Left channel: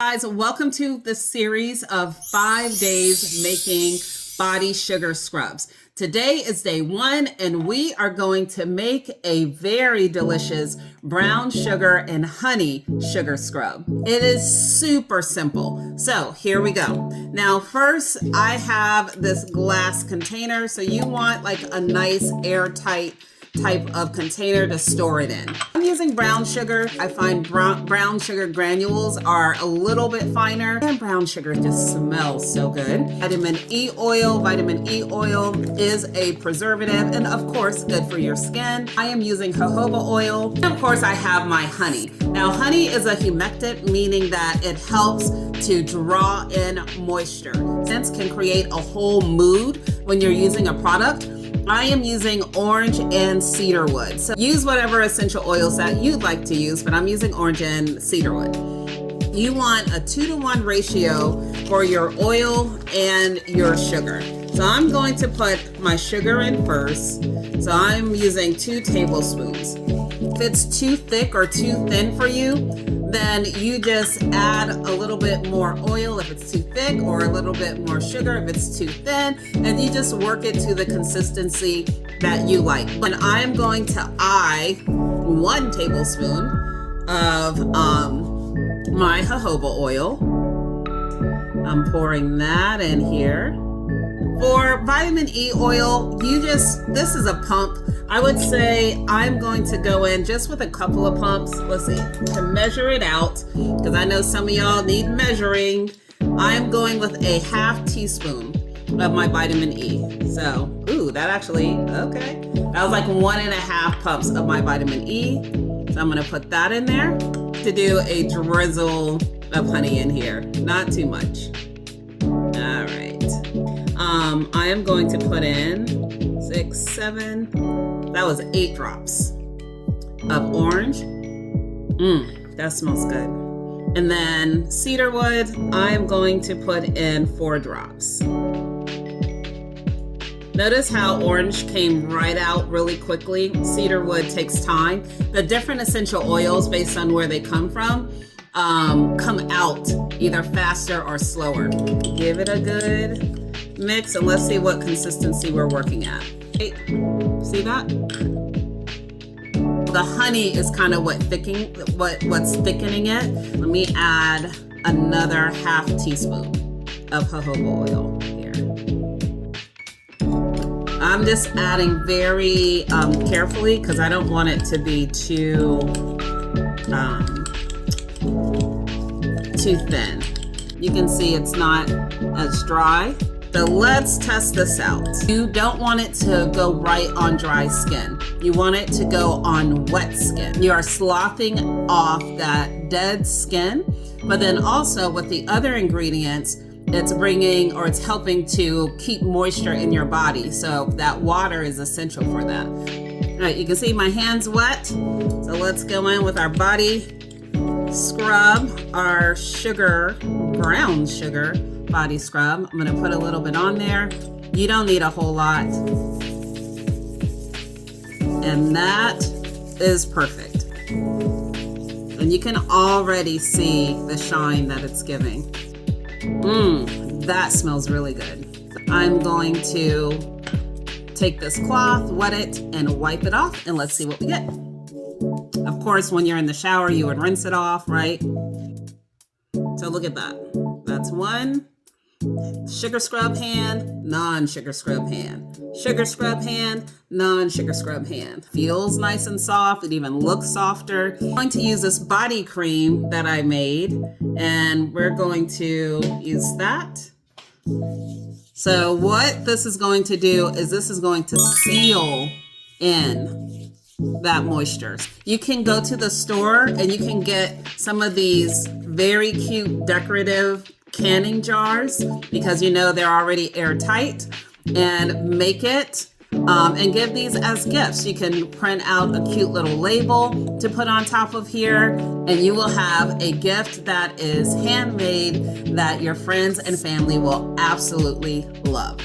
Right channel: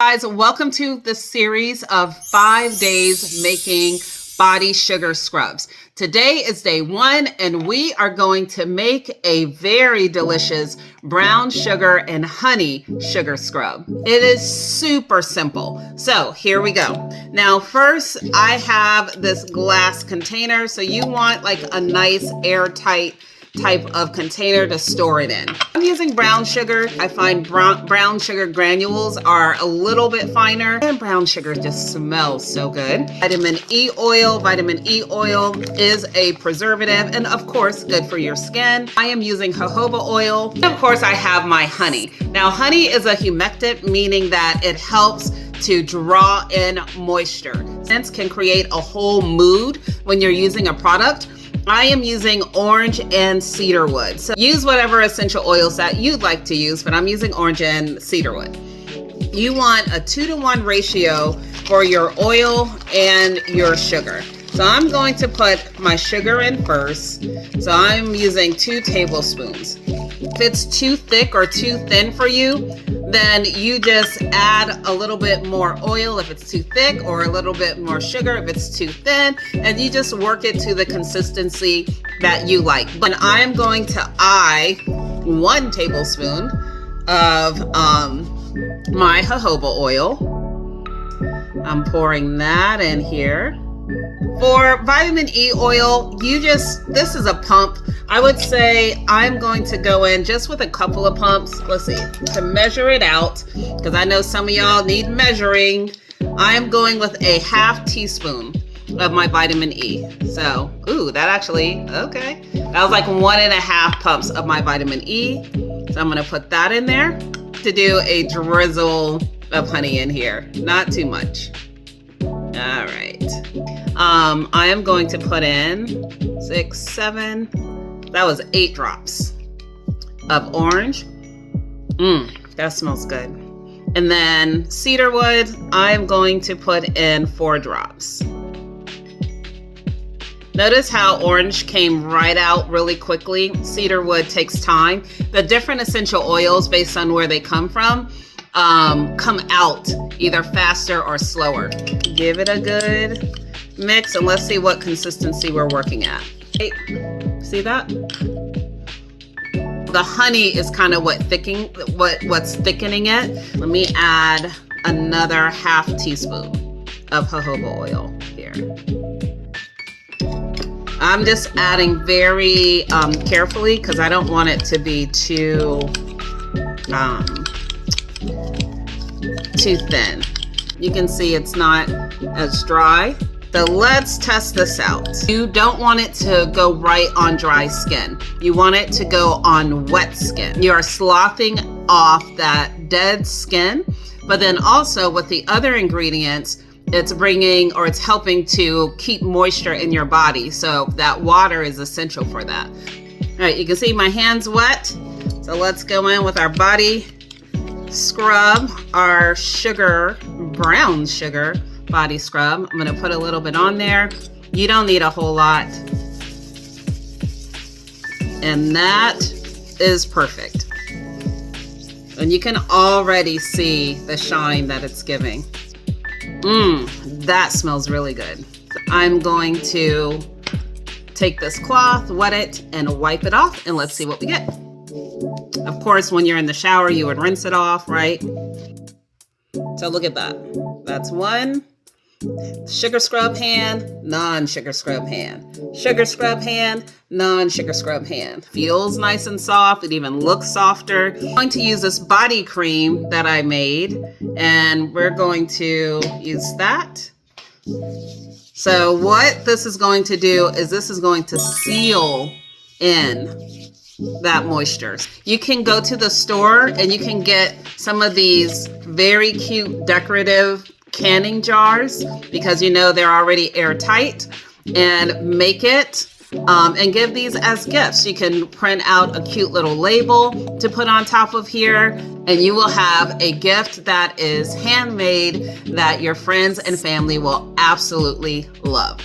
Guys, welcome to the series of 5 days making body sugar scrubs. Today is day 1 and we are going to make a very delicious brown sugar and honey sugar scrub. It is super simple. So here we go. Now first I have this glass container. So you want like a nice airtight type of container to store it in. I'm using brown sugar. I find brown sugar granules are a little bit finer, and brown sugar just smells so good. Vitamin E oil. Vitamin E oil is a preservative and of course good for your skin. I am using jojoba oil. And of course I have my honey. Now honey is a humectant, meaning that it helps to draw in moisture. Scents can create a whole mood when you're using a product. I am using orange and cedarwood. So use whatever essential oils that you'd like to use, but I'm using orange and cedarwood. You want a 2-to-1 ratio for your oil and your sugar. So I'm going to put my sugar in first. So I'm using 2 tablespoons. If it's too thick or too thin for you, then you just add a little bit more oil if it's too thick, or a little bit more sugar if it's too thin, and you just work it to the consistency that you like. And I'm going to eye 1 tablespoon of my jojoba oil. I'm pouring that in here. For vitamin E oil, this is a pump. I would say I'm going to go in just with a couple of pumps. Let's see, to measure it out, because I know some of y'all need measuring. I'm going with a 1/2 teaspoon of my vitamin E. So, ooh, that actually, okay. That was like 1.5 pumps of my vitamin E. So I'm gonna put that in there to do a drizzle of honey in here, not too much. All right. I am going to put in 6, 7, that was 8 drops of orange. That smells good. And then cedarwood, I'm going to put in 4 drops. Notice how orange came right out really quickly. Cedarwood takes time. The different essential oils, based on where they come from, come out either faster or slower. Give it a good mix and let's see what consistency we're working at. Hey, see that? The honey is kind of what's thickening it. Let me add another 1/2 teaspoon of jojoba oil here. I'm just adding very carefully because I don't want it to be too thin. You can see it's not as dry. So let's test this out. You don't want it to go right on dry skin. You want it to go on wet skin. You are sloughing off that dead skin, but then also with the other ingredients, it's helping to keep moisture in your body. So that water is essential for that. All right, you can see my hand's wet. So let's go in with our body scrub, our brown sugar body scrub. I'm gonna put a little bit on there. You don't need a whole lot. And that is perfect. And you can already see the shine that it's giving. That smells really good. I'm going to take this cloth, wet it, and wipe it off, and let's see what we get. Of course, when you're in the shower, you would rinse it off, right? So look at that. That's 1 sugar scrub hand, non-sugar scrub hand. Sugar scrub hand, non-sugar scrub hand. Feels nice and soft. It even looks softer. I'm going to use this body cream that I made, and we're going to use that. So what this is going to do is this is going to seal in that moisture. You can go to the store and you can get some of these very cute decorative canning jars, because you know they're already airtight, and make it and give these as gifts. You can print out a cute little label to put on top of here, and you will have a gift that is handmade that your friends and family will absolutely love.